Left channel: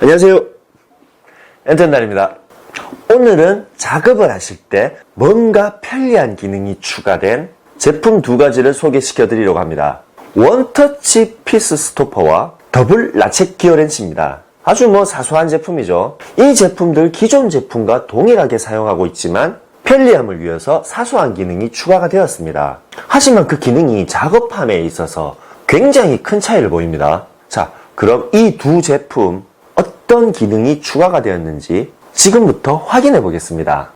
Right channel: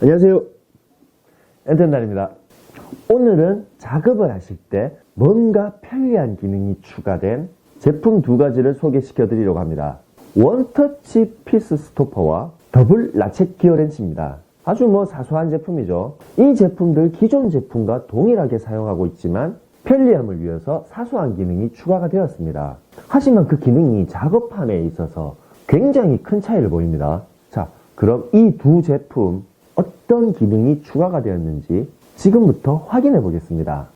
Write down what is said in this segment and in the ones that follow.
안녕하세요. 엔텐달입니다. 오늘은 작업을 하실 때 뭔가 편리한 기능이 추가된 제품 두 가지를 소개시켜 드리려고 합니다. 원터치 피스 스토퍼와 더블 라쳇 기어 렌치입니다. 아주 뭐 사소한 제품이죠. 이 제품들 기존 제품과 동일하게 사용하고 있지만 편리함을 위해서 사소한 기능이 추가가 되었습니다. 하지만 그 기능이 작업함에 있어서 굉장히 큰 차이를 보입니다. 자, 그럼 이 두 제품 어떤 기능이 추가가 되었는지 지금부터 확인해 보겠습니다.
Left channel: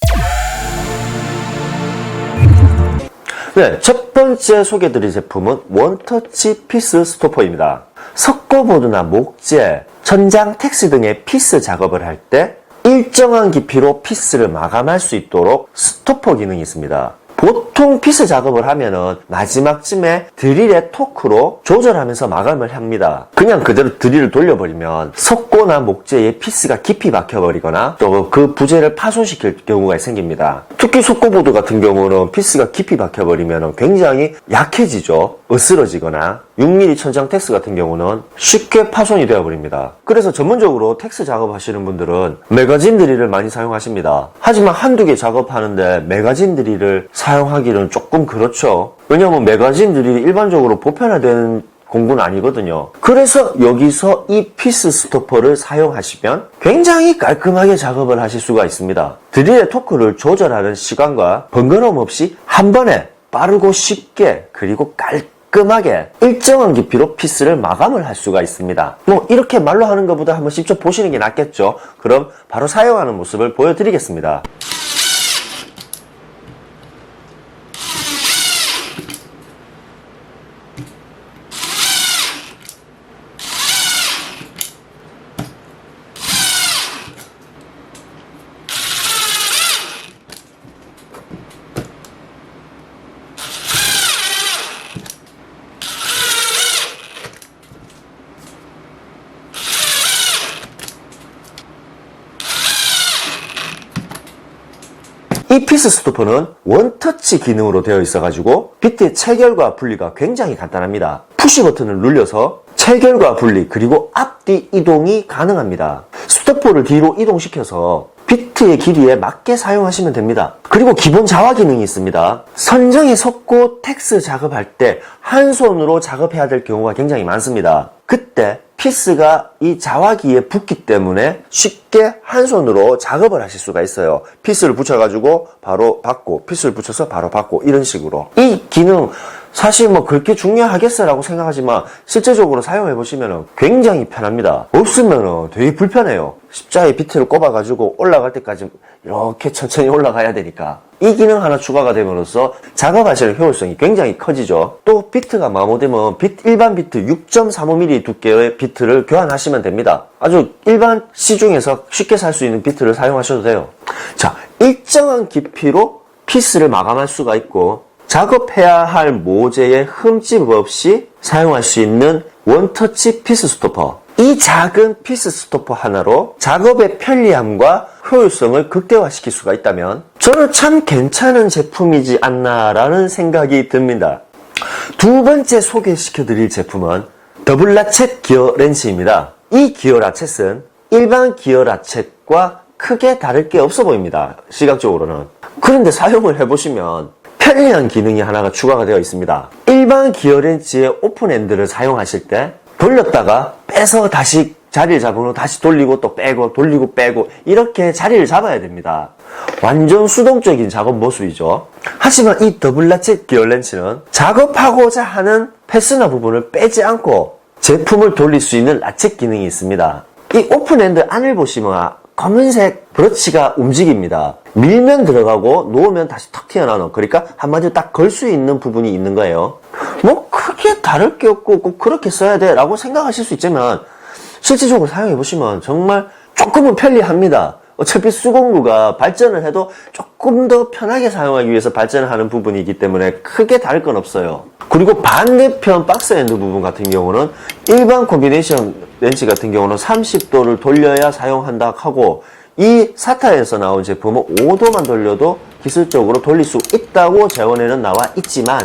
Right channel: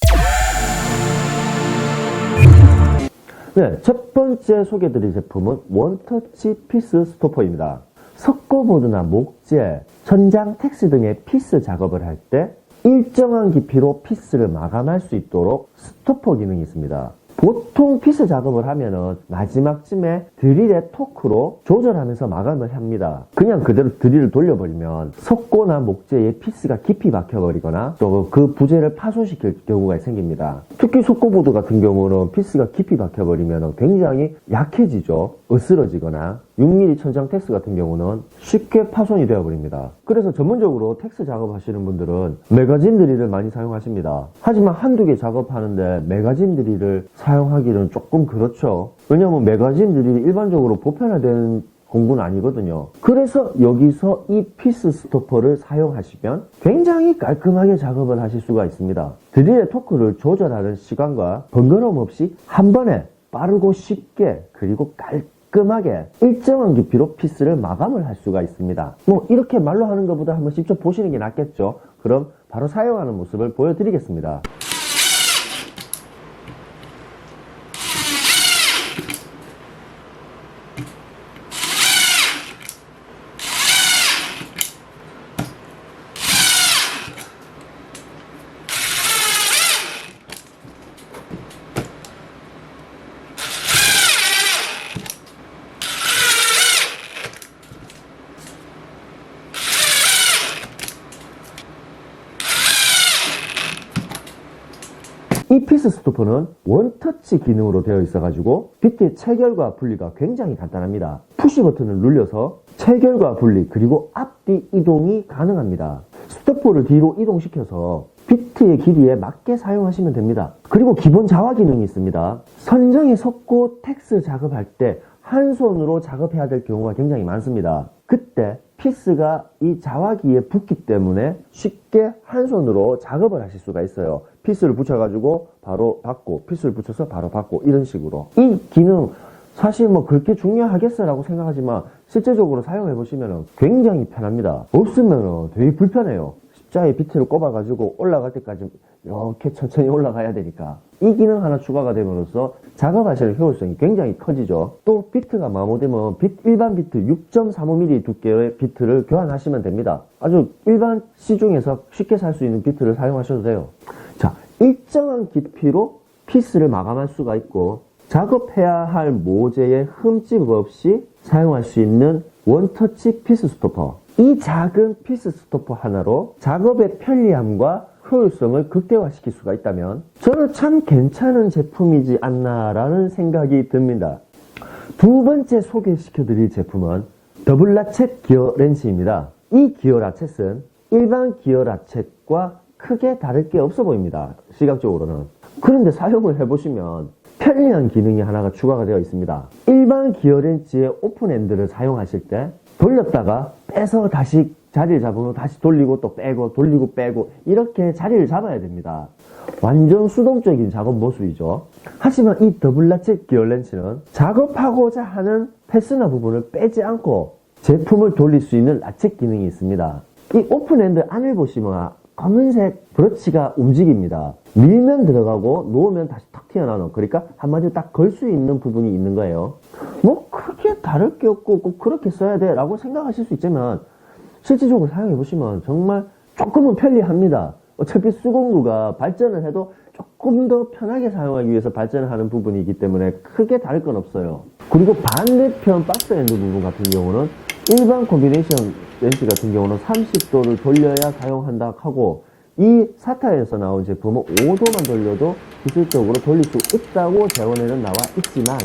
네, 첫 번째 소개드릴 제품은 원터치 피스 스토퍼입니다. 석고보드나 목재, 천장 텍스 등의 피스 작업을 할 때 일정한 깊이로 피스를 마감할 수 있도록 스토퍼 기능이 있습니다. 보통 피스 작업을 하면은 마지막쯤에 드릴의 토크로 조절하면서 마감을 합니다. 그냥 그대로 드릴을 돌려버리면 석고나 목재에 피스가 깊이 박혀버리거나 또 그 부재를 파손시킬 경우가 생깁니다. 특히 석고보드 같은 경우는 피스가 깊이 박혀버리면 굉장히 약해지죠. 으스러지거나 6mm 천장 텍스 같은 경우는 쉽게 파손이 되어버립니다. 그래서 전문적으로 텍스 작업하시는 분들은 매거진 드릴을 많이 사용하십니다. 하지만 한두 개 작업하는데 매거진 드릴을 사용하기는 조금 그렇죠. 왜냐하면 매거진 드릴이 일반적으로 보편화된 공구는 아니거든요. 그래서 여기서 이 피스 스토퍼를 사용하시면 굉장히 깔끔하게 작업을 하실 수가 있습니다. 드릴의 토크를 조절하는 시간과 번거로움 없이 한 번에 빠르고 쉽게 그리고 깔끔 하게 일정한 깊이로 피스를 마감을 할 수가 있습니다. 뭐 이렇게 말로 하는 것보다 한번 직접 보시는 게 낫겠죠. 그럼 바로 사용하는 모습을 보여드리겠습니다. 이 피스 스토퍼는 원터치 기능으로 되어 있어가지고 비트의 체결과 분리가 굉장히 간단합니다. 푸시 버튼을 눌려서 체결과 분리 그리고 앞뒤 이동이 가능합니다. 스토퍼를 뒤로 이동시켜서 비트의 길이에 맞게 사용하시면 됩니다. 그리고 기본 자화 기능이 있습니다. 선정에 섰고 텍스 작업할 때 한 손으로 작업해야 될 경우가 굉장히 많습니다. 그때 피스가 이 자화기에 붙기 때문에 쉽게 한 손으로 작업을 하실 수가 있어요. 피스를 붙여가지고 바로 받고, 피스를 붙여서 바로 받고, 이런 식으로. 이 기능, 사실 뭐 그렇게 중요하겠어라고 생각하지만 실제적으로 사용해 보시면 굉장히 편합니다. 없으면 되게 불편해요. 십자에 비트를 꼽아가지고 올라갈 때까지 이렇게 천천히 올라가야 되니까. 이 기능 하나 추가가 됨으로써 작업하시는 효율성이 굉장히 커지죠. 또 비트가 마모되면 비트, 일반 비트 6.35mm 두께의 비트를 교환하시면 됩니다. 아주 일반 시중에서 쉽게 살 수 있는 비트를 사용하셔도 돼요. 자, 일정한 깊이로 피스를 마감할 수가 있고 작업해야 할 모재에 흠집 없이 사용할 수 있는 원터치 피스 스토퍼. 이 작은 피스 스토퍼 하나로 작업의 편리함과 효율성을 극대화시킬 수가 있다면 저는 참 괜찮은 제품이지 않나라는 생각이 듭니다. 두 번째 소개시켜 드릴 제품은 더블 라쳇 기어 렌치입니다. 이 기어 라쳇은 일반 기어 라쳇과 크게 다를 게 없어 보입니다. 시각적으로는. 그런데 사용을 해보시면 편리한 기능이 하나가 추가가 되어 있습니다. 일반 기어 렌치의 오픈 엔드를 사용하실 때 돌렸다가 빼서 다시 자리를 잡으면 다시 돌리고 또 빼고 돌리고 빼고 이렇게 자리를 잡아야 됩니다. 완전 수동적인 작업 모습이죠. 하지만 이 더블 라쳇 기어 렌치는 작업하고자 하는 패스나 부분을 빼지 않고 제품을 돌릴 수 있는 라쳇 기능이 있습니다. 이 오픈엔드 안을 보시면 검은색 브러치가 움직입니다. 밀면 들어가고 놓으면 다시 턱 튀어나오는 그러니까 한마디로 딱 걸 수 있는 부분이 있는 거예요. 뭐 크게 다를 게 없고 꼭 그렇게 써야 돼 라고 생각하실 수 있지만 실질적으로 사용해 보시면 정말 조금은 편리합니다. 어차피 수공구가 발전을 해도 조금 더 편하게 사용하기 위해서 발전을 하는 부분이기 때문에 크게 다를 건 없어요. 그리고 반대편 박스 엔드 부분 같은 경우는 일반 콤비네이션 렌치 같은 경우는 30도를 돌려야 사용한다 하고 이 사타에서 나온 제품은 5도만 돌려도 기술적으로 돌릴 수 있다고 재원에는 나와 있지만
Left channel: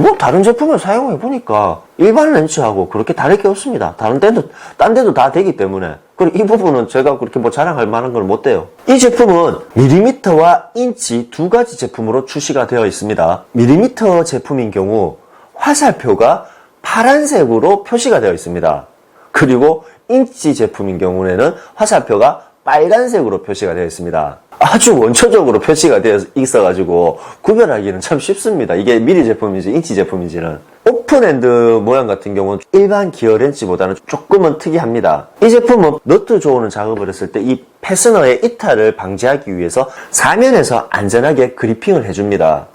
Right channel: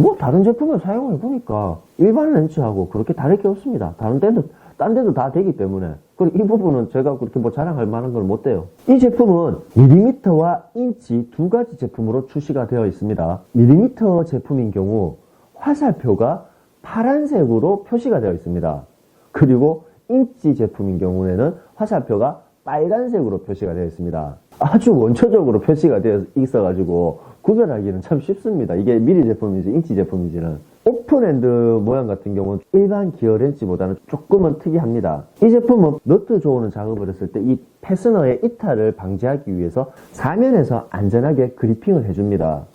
뭐 다른 제품을 사용해 보니까 일반 렌즈하고 그렇게 다를 게 없습니다. 다른 데도, 딴 데도 다 되기 때문에. 그리고 이 부분은 제가 그렇게 뭐 자랑할 만한 건 못 돼요. 이 제품은 밀리미터와 인치 두 가지 제품으로 출시가 되어 있습니다. 밀리미터 제품인 경우 화살표가 파란색으로 표시가 되어 있습니다. 그리고 인치 제품인 경우에는 화살표가 빨간색으로 표시가 되어 있습니다. 아주 원초적으로 표시가 되어 있어가지고 구별하기는 참 쉽습니다. 이게 미리 제품인지 인치 제품인지는. 오픈핸드 모양 같은 경우는 일반 기어 렌치보다는 조금은 특이합니다. 이 제품은 너트 조우는 작업을 했을 때 이 패스너의 이탈을 방지하기 위해서 사면에서 안전하게 그리핑을 해줍니다.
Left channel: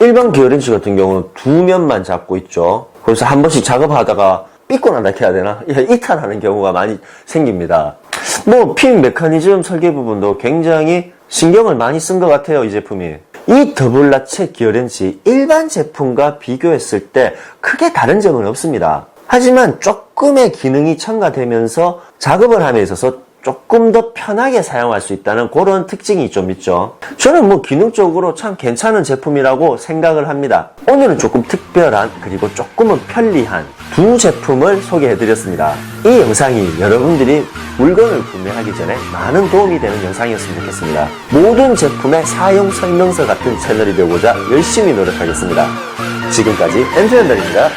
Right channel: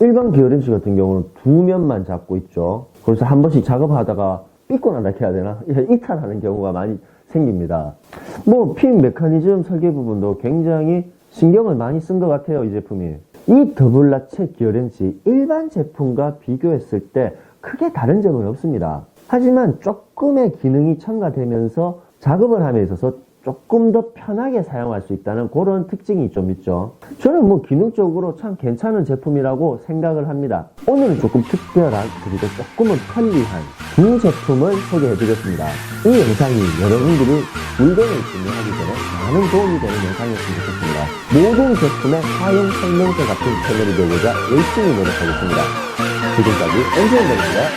일반 기어 렌치 같은 경우는 두 면만 잡고 있죠. 그래서 한 번씩 작업하다가 삐꼬난다 해야 되나? 예, 이탈하는 경우가 많이 생깁니다. 뭐, 핀 메커니즘 설계 부분도 굉장히 신경을 많이 쓴 것 같아요, 이 제품이. 이 더블라체 기어렌치 일반 제품과 비교했을 때 크게 다른 점은 없습니다. 하지만 조금의 기능이 첨가되면서 작업을 함에 있어서 조금 더 편하게 사용할 수 있다는 그런 특징이 좀 있죠. 저는 뭐 기능적으로 참 괜찮은 제품이라고 생각을 합니다. 오늘은 조금 특별한 그리고 조금은 편리한 두 제품을 소개해 드렸습니다. 이 영상이 여러분들이 물건을 구매하기 전에 많은 도움이 되는 영상이었으면 좋겠습니다. 모든 제품의 사용 설명서 같은 채널이 되고자 열심히 노력하겠습니다. 지금까지 엔트맨들입니다.